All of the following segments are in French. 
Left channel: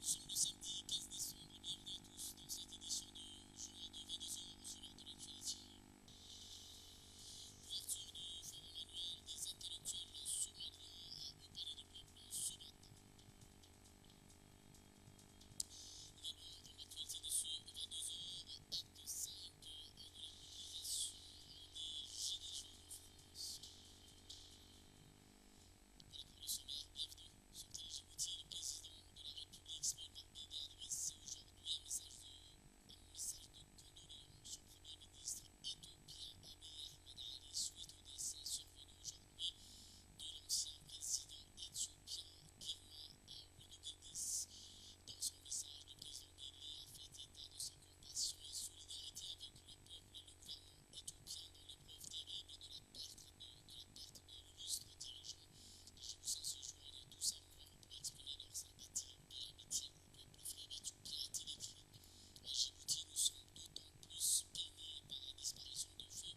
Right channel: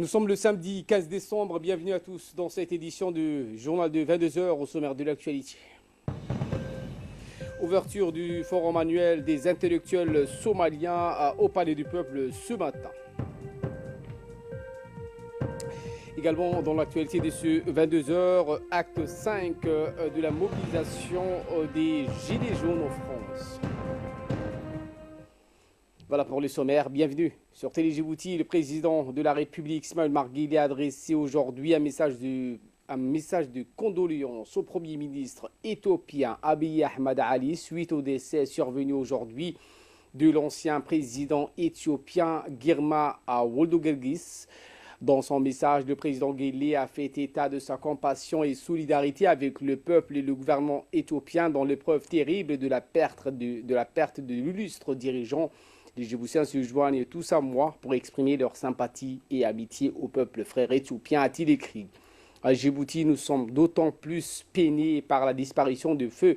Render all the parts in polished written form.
Nous sommes le samedi 15 décembre. Bienvenue à tous dans cette édition du journal de 22 heures au sommaire de l'actualité. Ouverture du forum annuel des intellectuels somaliens au Palais du Peuple ce matin. Également dans l'actualité de ce 22 heures, acte 5 de la mobilisation des Gilets jaunes en France. Voilà pour le sommaire. Bienvenue sur Télé Djibouti. Le président de la République, Ismaël Omar Guelleh, a adressé aujourd'hui un message de condoléances au Premier ministre éthiopien Abiy Ahmed Ali suite au décès survenu aujourd'hui de l'ancien président éthiopien Girma Wildeboe. Dans son message, le président Guelleh a fait état de sa compassion et solidarité avec le peuple et le gouvernement éthiopien dans l'épreuve terrible de la perte de l'illustre dirigeant. Les Djiboutiens se joignent tous à moi pour exprimer leur sympathie et amitié au peuple frère éthiopien, a-t-il écrit. À Djibouti, nous sommes d'autant plus peinés par la disparition de feu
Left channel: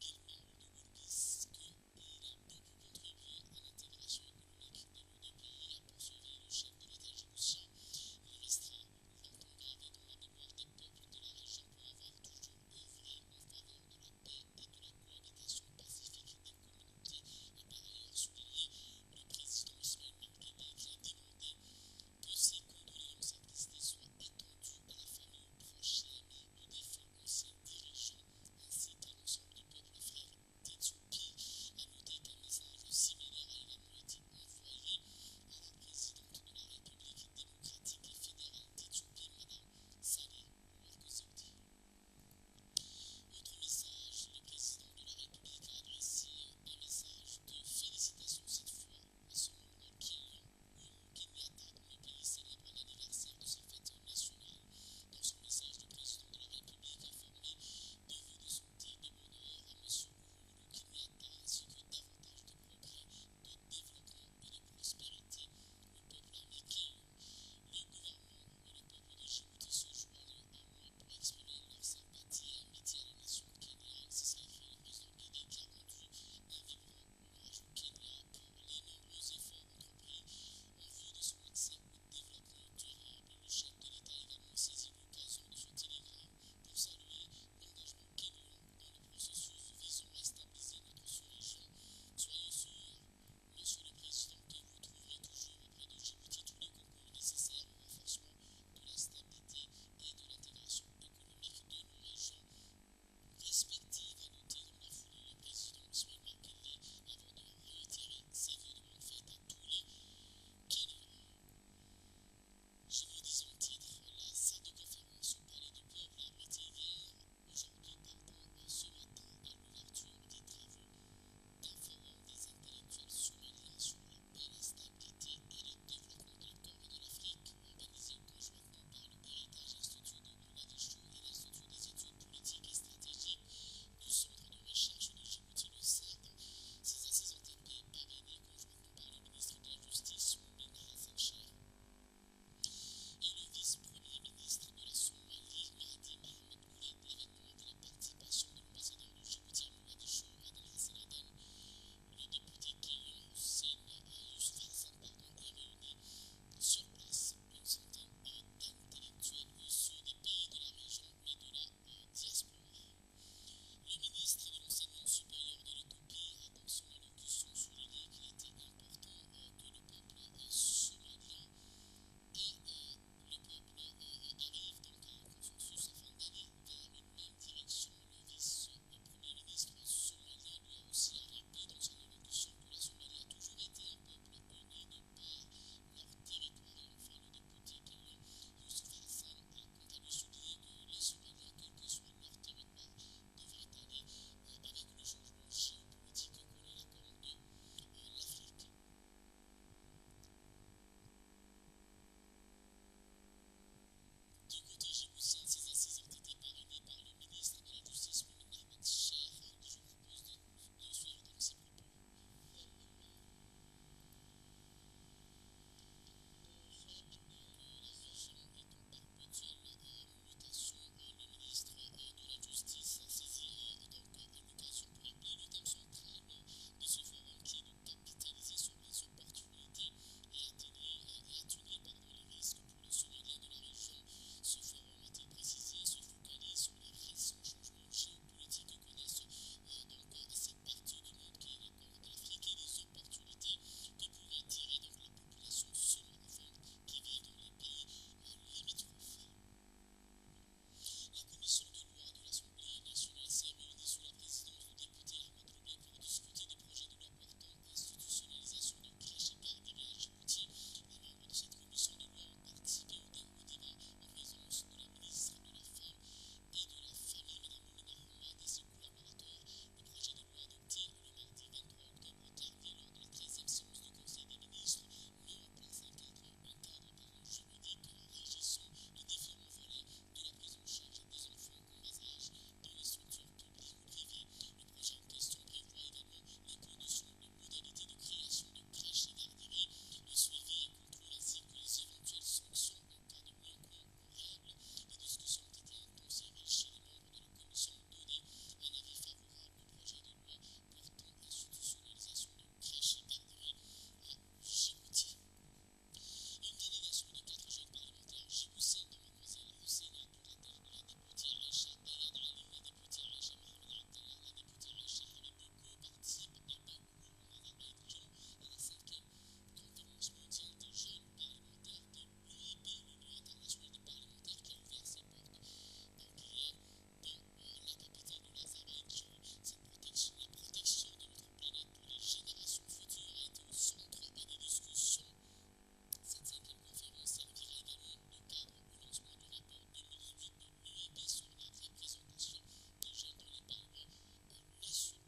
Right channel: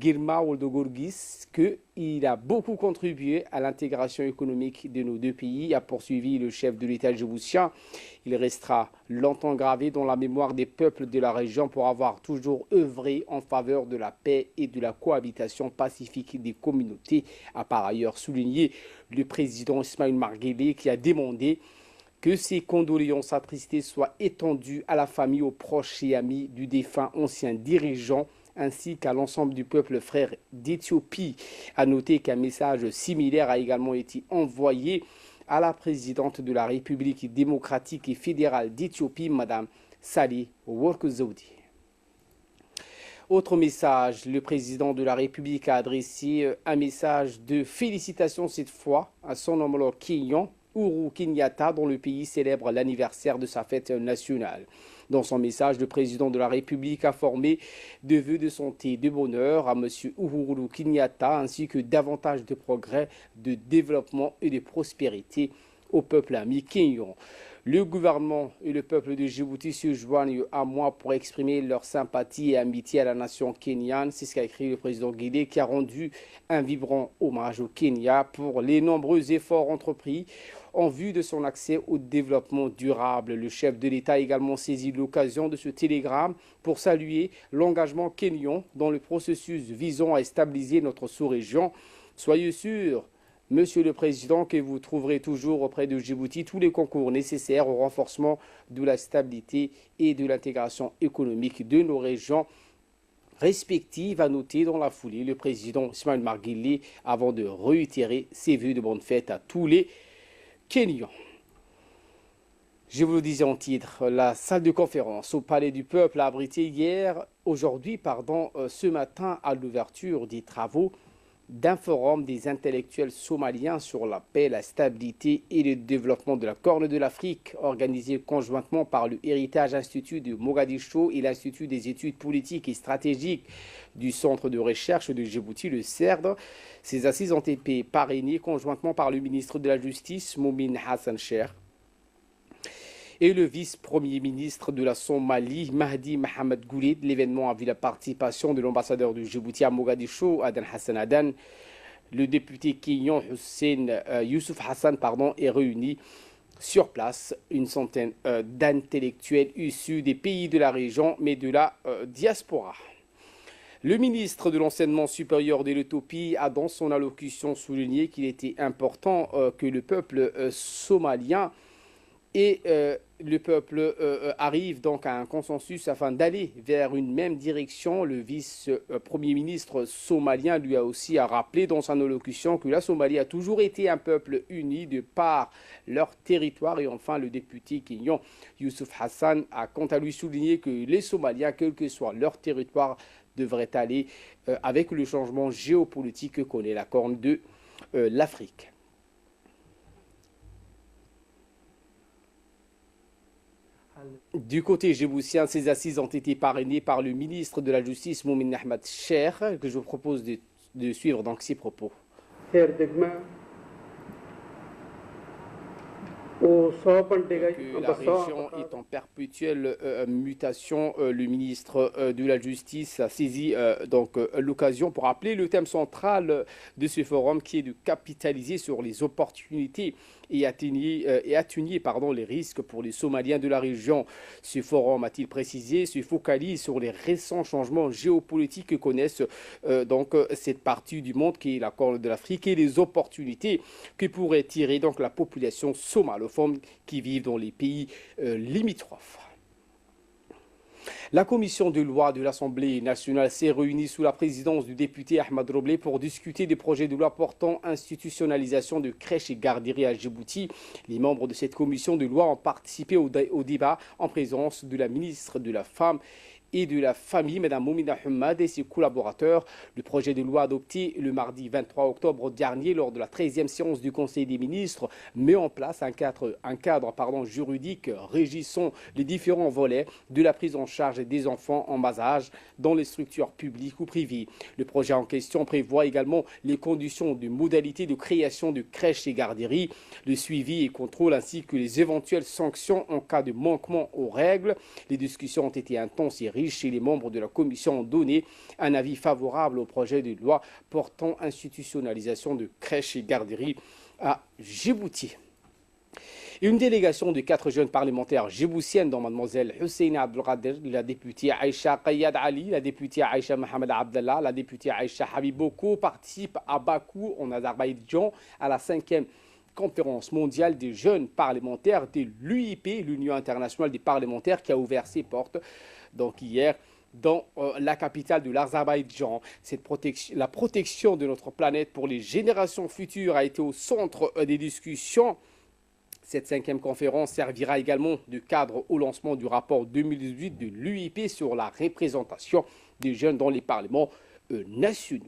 Girma Wildeboe qu'il a beaucoup contribué à l'intégration économique de nos deux pays, a poursuivi le chef de l'État djiboutien. Il restera longtemps gravé dans la mémoire des peuples de la région pour avoir toujours œuvré en faveur de la paix et de la cohabitation pacifique des communautés, a par ailleurs souligné le président Ismaël Omar Guelleh, qui a demandé que ces condoléances attristées soient étendues à la famille, aux proches et amis du défunt ancien dirigeant, ainsi qu'à l'ensemble du peuple frère d'Éthiopie. A noter qu'un message similaire a également été envoyé à la présidente de la République démocratique et fédérale d'Éthiopie, Mme Salih Work Zewde. Autre message, le président de la République a adressé un message de félicitations cette fois à son homologue kenyan, Uhuru Kenyatta, dont le pays célèbre l'anniversaire de sa fête nationale. Dans son message, le président de la République a formé de vœux de santé et de bonheur à M. Uhuru Kenyatta, ainsi que davantage de progrès, de développement et de prospérité au peuple ami kenyan. Le gouvernement et le peuple de Djibouti se joignent à moi pour exprimer leur sympathie et amitié à la nation kenyane. C'est ce qu'a écrit le président Guelleh, qui a rendu un vibrant hommage au Kenya pour les nombreux efforts entrepris en vue de son accès au développement durable. Le chef de l'État a également saisi l'occasion de ce télégramme pour saluer l'engagement kenyan dans le processus visant à stabiliser notre sous-région. Soyez sûr, Monsieur le Président, que vous trouverez toujours auprès de Djibouti tous les concours nécessaires au renforcement de la stabilité et de l'intégration économique de nos régions respectives, a noté dans la foulée le président Ismaël Omar Guelleh avant de réitérer ses vœux de bonne fête à tous les Kenyans. Je vous le disais en titre, la salle de conférence au Palais du Peuple a abrité ce matin à l'ouverture des travaux d'un forum des intellectuels somaliens sur la paix, la stabilité et le développement de la Corne de l'Afrique, organisé conjointement par le Héritage Institut de Mogadiscio et l'Institut des études politiques et stratégiques du Centre de recherche de Djibouti, le CERD. Ces assises ont été parrainées conjointement par le ministre de la Justice, Momin Hassan Sheikh, et le vice-premier ministre de la Somalie, Mahdi Mohamed Guled. L'événement a vu la participation de l'ambassadeur de Djibouti à Mogadiscio, Adan Hassan Adan. Le député kenyan Youssouf Hassan est réuni sur place une centaine d'intellectuels issus des pays de la région, mais de la diaspora. Le ministre de l'Enseignement supérieur de l'Éthiopie a dans son allocution souligné qu'il était important que le peuple somalien et le peuple arrive donc à un consensus afin d'aller vers une même direction. Le vice-premier ministre somalien lui a aussi rappelé dans son allocution que la Somalie a toujours été un peuple uni de par leur territoire. Et enfin, le député kenyan Youssouf Hassan a quant à lui souligné que les Somaliens, quel que soit leur territoire, devraient aller avec le changement géopolitique que connaît la Corne de l'Afrique. Du côté djiboutien, ces assises ont été parrainées par le ministre de la Justice, Momin Ahmed Sheikh, que je vous propose de suivre donc ses propos. Que la région est en perpétuelle mutation, le ministre de la Justice a saisi l'occasion pour rappeler le thème central de ce forum, qui est de capitaliser sur les opportunités et atténuer les risques pour les Somaliens de la région. Ce forum, a-t-il précisé, se focalise sur les récents changements géopolitiques que connaissent cette partie du monde qui est la Corne de l'Afrique et les opportunités que pourrait tirer donc la population somalophone qui vit dans les pays limitrophes. La commission de loi de l'Assemblée nationale s'est réunie sous la présidence du député Ahmad Roblé pour discuter des projets de loi portant institutionnalisation de crèches et garderies à Djibouti. Les membres de cette commission de loi ont participé au débat en présence de la ministre de la Femme et de la Famille, Mme Moumina Hamad, et ses collaborateurs. Le projet de loi adopté le mardi 23 octobre dernier lors de la 13e séance du Conseil des ministres met en place un cadre juridique régissant les différents volets de la prise en charge des enfants en bas âge dans les structures publiques ou privées. Le projet en question prévoit également les conditions de modalités de création de crèches et garderies, le suivi et contrôle ainsi que les éventuelles sanctions en cas de manquement aux règles. Les discussions ont été intenses et riches et les membres de la commission ont donné un avis favorable au projet de loi portant institutionnalisation de crèches et garderies à Djibouti. Une délégation de 4 jeunes parlementaires djiboutiennes, dont Mlle Husseina Abdelkader, la députée Aïcha Qayad Ali, la députée Aïcha Mohamed Abdallah, la députée Aïcha Habiboko, participent à Bakou, en Azerbaïdjan, à la 5e conférence mondiale des jeunes parlementaires de l'UIP, l'Union internationale des parlementaires, qui a ouvert ses portes donc hier dans la capitale de l'Azerbaïdjan. La protection de notre planète pour les générations futures a été au centre des discussions. Cette 5e conférence servira également de cadre au lancement du rapport 2018 de l'UIP sur la représentation des jeunes dans les parlements nationaux.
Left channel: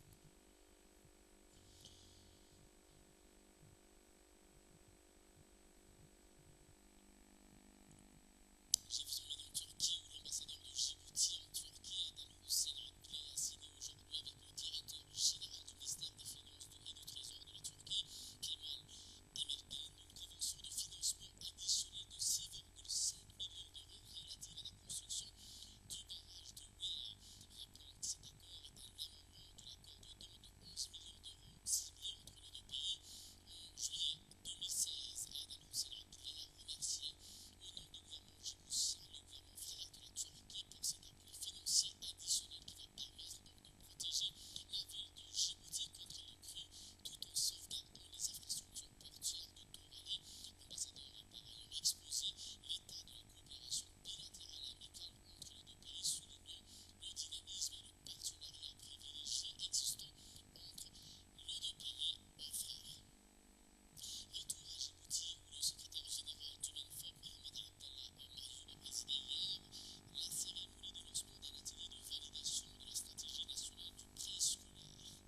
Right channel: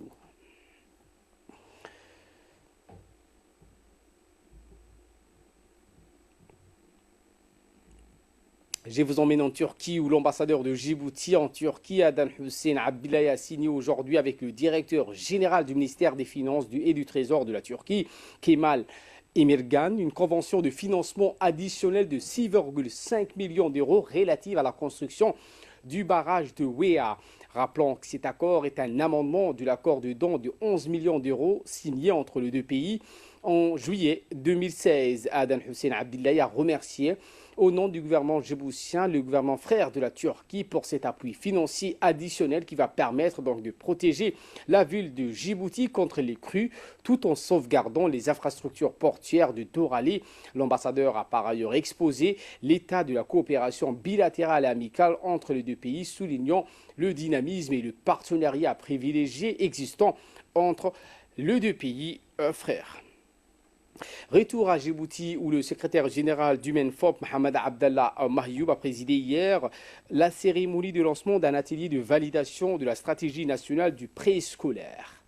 Je vous emmène en Turquie où l'ambassadeur de Djibouti en Turquie, Adan Hussein Abdillah, a signé aujourd'hui avec le directeur général du ministère des Finances et du Trésor de la Turquie, Kemal Emirgan, une convention de financement additionnel de 6,5 millions d'euros relative à la construction du barrage de Wea. Rappelons que cet accord est un amendement de l'accord de don de 11 millions d'euros signé entre les deux pays en juillet 2016. Adan Hussein Abdillah a remercié au nom du gouvernement djiboutien, le gouvernement frère de la Turquie, pour cet appui financier additionnel qui va permettre donc de protéger la ville de Djibouti contre les crues tout en sauvegardant les infrastructures portuaires de Doralé. L'ambassadeur a par ailleurs exposé l'état de la coopération bilatérale et amicale entre les deux pays, soulignant le dynamisme et le partenariat privilégié existant entre les deux pays frères. Retour à Djibouti où le secrétaire général du MENFOP, Mohamed Abdallah Mahyoub, a présidé hier la cérémonie de lancement d'un atelier de validation de la stratégie nationale du préscolaire.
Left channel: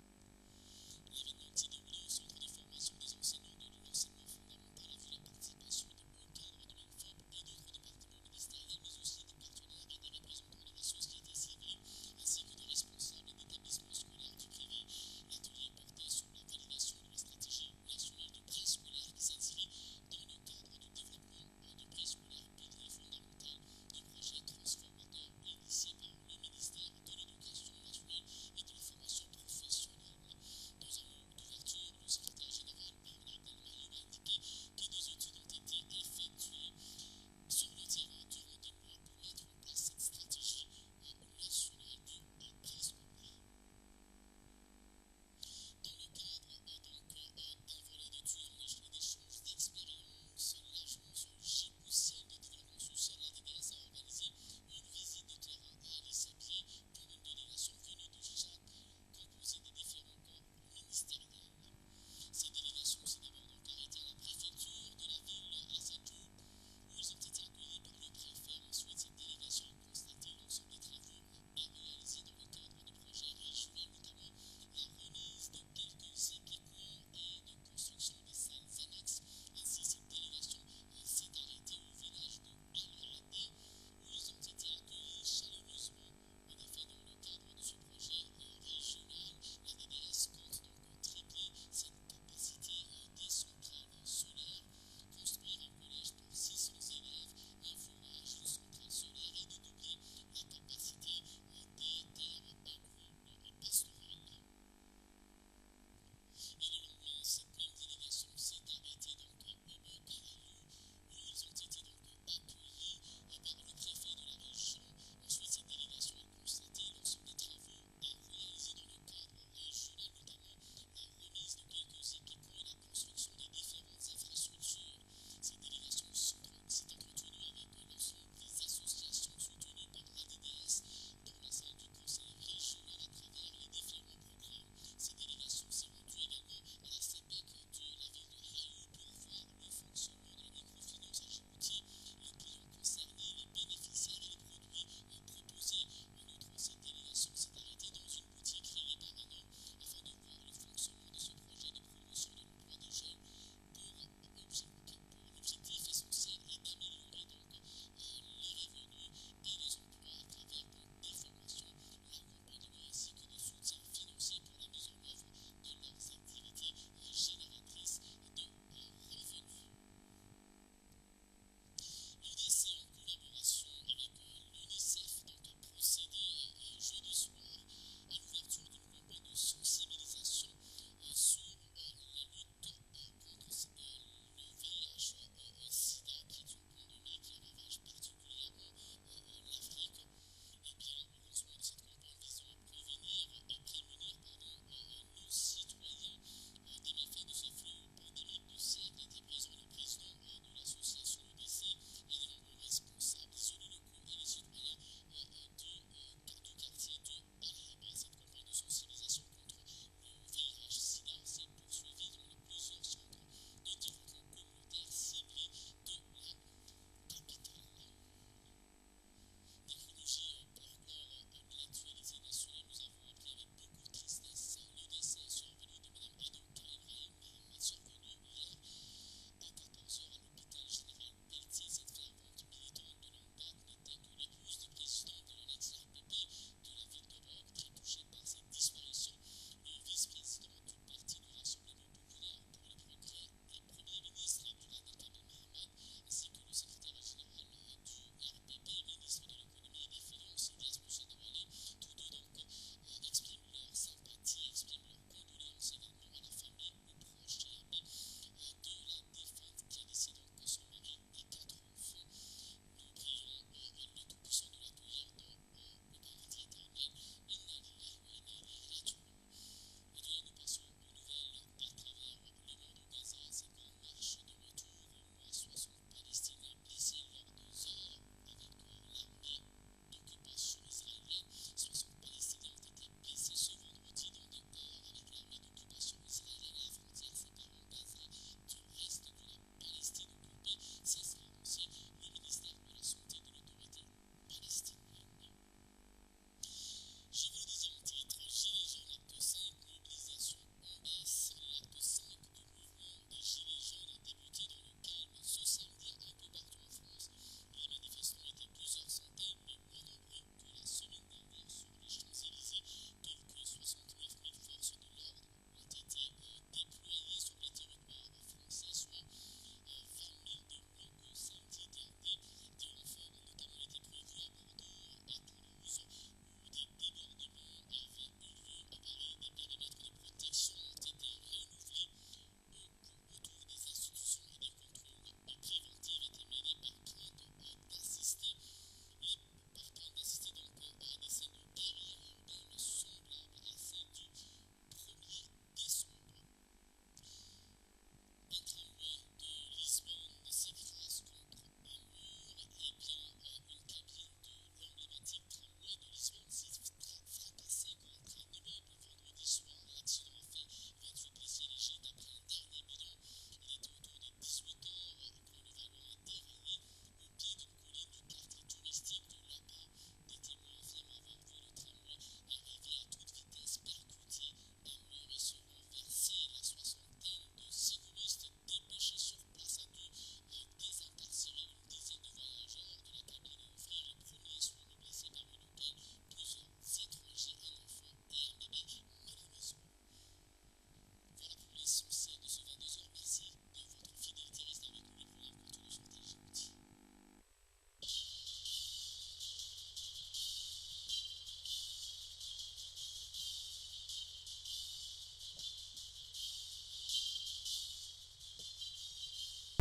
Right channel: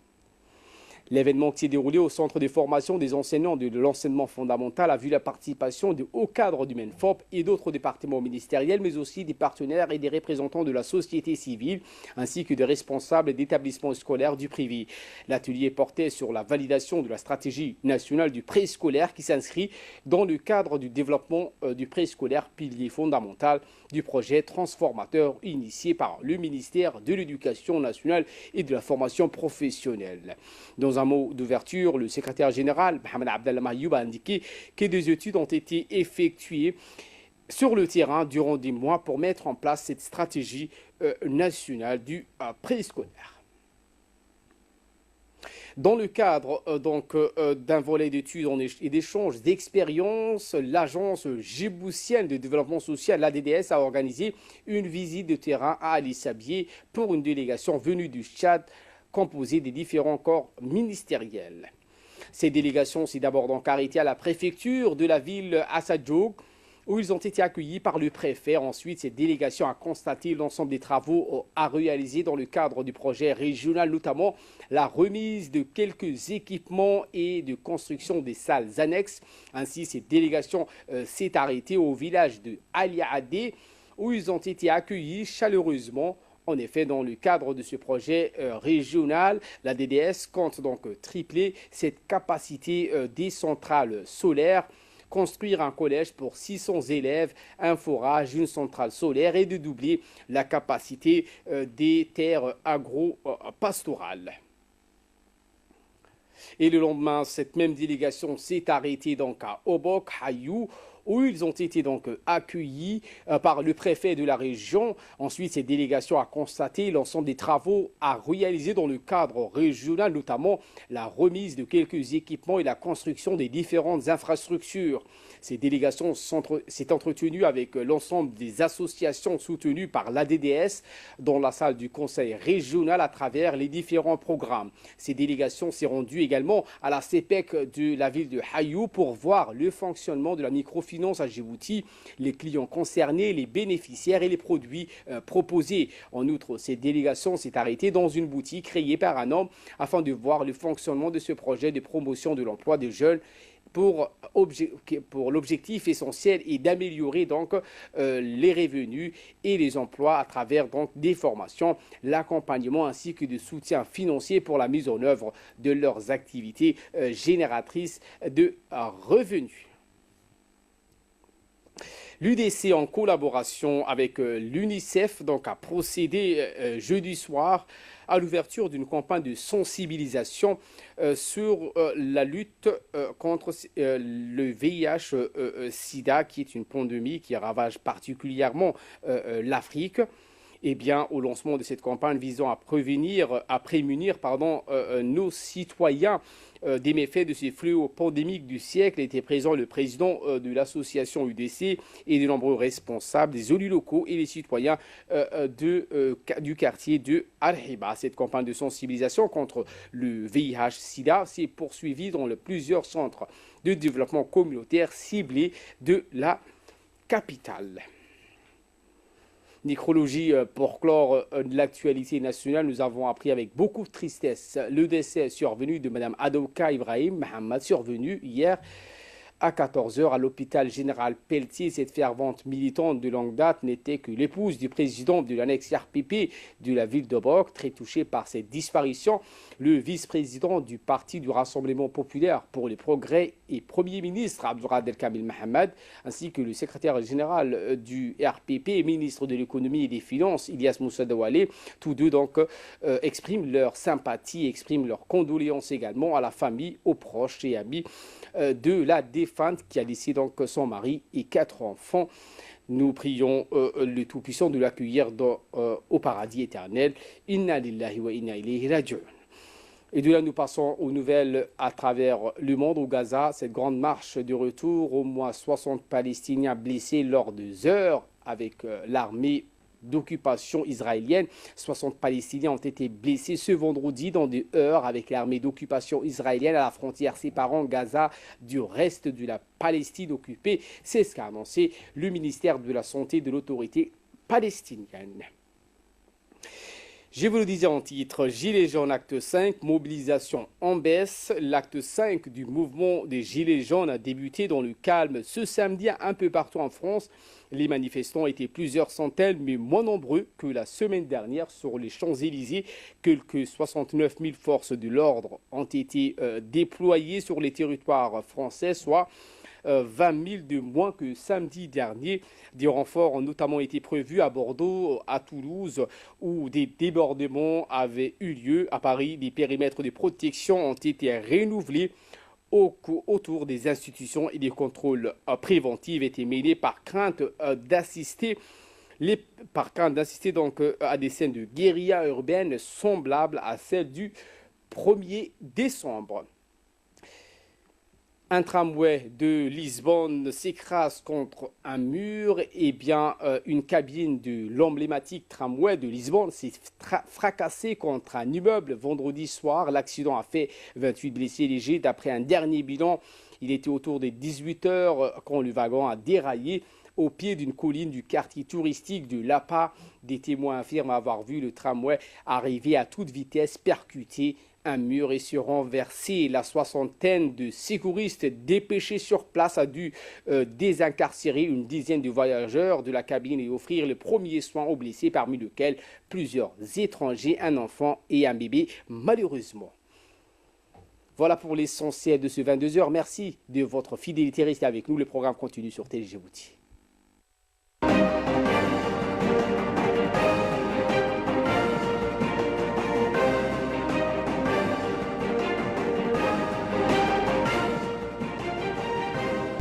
L'événement qui s'est déroulé au centre de formation des enseignants de l'enseignement fondamental a vu la participation de hauts cadres du MENFOP et d'autres départements ministériels, mais aussi des partenaires et des représentants de la société civile, ainsi que des responsables d'établissements scolaires du privé. L'atelier portait sur la validation de la stratégie nationale du préscolaire qui s'inscrit dans le cadre du développement du préscolaire, pilier fondamental du projet transformateur initié par le ministère de l'Éducation nationale et de la formation professionnelle. Dans un mot d'ouverture, le secrétaire général, Mohamed Abdallah Mahyoub, a indiqué que des études ont été effectuées sur le terrain durant des mois pour mettre en place cette stratégie nationale du préscolaire. Dans le cadre d'un volet d'études et d'échanges d'expériences, l'agence djiboutienne de développement social, l'ADDS, a organisé une visite de terrain à Ali Sabié pour une délégation venue du Tchad composée des différents corps ministériels. Ces délégations s'est d'abord donc arrêtées à la préfecture de la ville Assadjoug, où ils ont été accueillis par le préfet. Ensuite, cette délégation a constaté l'ensemble des travaux à réaliser dans le cadre du projet régional, notamment la remise de quelques équipements et de construction des salles annexes. Ainsi, cette délégation s'est arrêtée au village de Aliadé, où ils ont été accueillis chaleureusement. En effet, dans le cadre de ce projet régional, la DDS compte donc tripler cette capacité des centrales solaires, construire un collège pour 600 élèves, un forage, une centrale solaire et de doubler la capacité des terres agro-pastorales. Et le lendemain, cette même délégation s'est arrêtée donc à Obok, Hayou, où ils ont été donc accueillis par le préfet de la région. Ensuite, cette délégation a constaté l'ensemble des travaux à réaliser dans le cadre régional, notamment la remise de quelques équipements et la construction des différentes infrastructures. Ces délégations s'est entretenues avec l'ensemble des associations soutenues par l'ADDS dans la salle du conseil régional à travers les différents programmes. Ces délégations s'est rendues également à la CPEC de la ville de Hayou pour voir le fonctionnement de la microfinance à Djibouti, les clients concernés, les bénéficiaires et les produits proposés. En outre, cette délégation s'est arrêtée dans une boutique créée par un homme afin de voir le fonctionnement de ce projet de promotion de l'emploi des jeunes pour l'objectif essentiel est d'améliorer donc les revenus et les emplois à travers donc des formations, l'accompagnement ainsi que de soutien financier pour la mise en œuvre de leurs activités génératrices de revenus. L'UDC, en collaboration avec l'UNICEF, donc, a procédé jeudi soir à l'ouverture d'une campagne de sensibilisation sur la lutte contre le VIH-Sida, qui est une pandémie qui ravage particulièrement l'Afrique. Eh bien, au lancement de cette campagne visant à prémunir nos citoyens des méfaits de ces fléaux pandémiques du siècle, était présent le président de l'association UDC et de nombreux responsables, des élus locaux et les citoyens du quartier de Al-Hiba. Cette campagne de sensibilisation contre le VIH-Sida s'est poursuivie dans plusieurs centres de développement communautaire ciblés de la capitale. Nécrologie pour clore de l'actualité nationale, nous avons appris avec beaucoup de tristesse le décès survenu de Mme Adouka Ibrahim Mohamed, survenu hier à 14 h à l'hôpital général Pelletier. Cette fervente militante de longue date n'était que l'épouse du président de l'annexe RPP de la ville d'Obok, très touchée par cette disparition. Le vice-président du Parti du Rassemblement populaire pour le progrès et Premier ministre Abdourad Kamil Mohamed, ainsi que le secrétaire général du RPP, ministre de l'économie et des finances, Ilyas Moussa Dawale, tous deux donc expriment leur sympathie, expriment leurs condoléances également à la famille, aux proches et amis de la défunte qui a laissé donc son mari et 4 enfants. Nous prions le Tout-Puissant de l'accueillir au paradis éternel. Inna lillahi wa inna ilayhi raji'un. Et de là, nous passons aux nouvelles à travers le monde. Au Gaza, cette grande marche de retour, au moins 60 Palestiniens blessés lors de heures avec l'armée d'occupation israélienne. 60 Palestiniens ont été blessés ce vendredi dans des heurts avec l'armée d'occupation israélienne à la frontière séparant Gaza du reste de la Palestine occupée. C'est ce qu'a annoncé le ministère de la Santé de l'autorité palestinienne. Je vous le disais en titre, Gilets jaunes acte 5, mobilisation en baisse. L'acte 5 du mouvement des Gilets jaunes a débuté dans le calme ce samedi un peu partout en France. Les manifestants étaient plusieurs centaines, mais moins nombreux que la semaine dernière sur les Champs-Élysées. Quelques 69 000 forces de l'ordre ont été déployées sur les territoires français, soit 20 000 de moins que samedi dernier. Des renforts ont notamment été prévus à Bordeaux, à Toulouse, où des débordements avaient eu lieu. À Paris, les périmètres de protection ont été renouvelés autour des institutions et des contrôles préventifs étaient menés par crainte d'assister donc à des scènes de guérilla urbaine semblables à celles du 1er décembre. Un tramway de Lisbonne s'écrase contre un mur. Et bien, une cabine de l'emblématique tramway de Lisbonne s'est fracassée contre un immeuble vendredi soir. L'accident a fait 28 blessés légers. D'après un dernier bilan, il était autour des 18 h quand le wagon a déraillé au pied d'une colline du quartier touristique de Lapa. Des témoins affirment avoir vu le tramway arriver à toute vitesse, percuter un mur et se renverser. La soixantaine de secouristes dépêchés sur place a dû désincarcérer une dizaine de voyageurs de la cabine et offrir les premiers soins aux blessés, parmi lesquels plusieurs étrangers, un enfant et un bébé, malheureusement. Voilà pour l'essentiel de ce 22 h. Merci de votre fidélité. Restez avec nous. Le programme continue sur Télé Djibouti.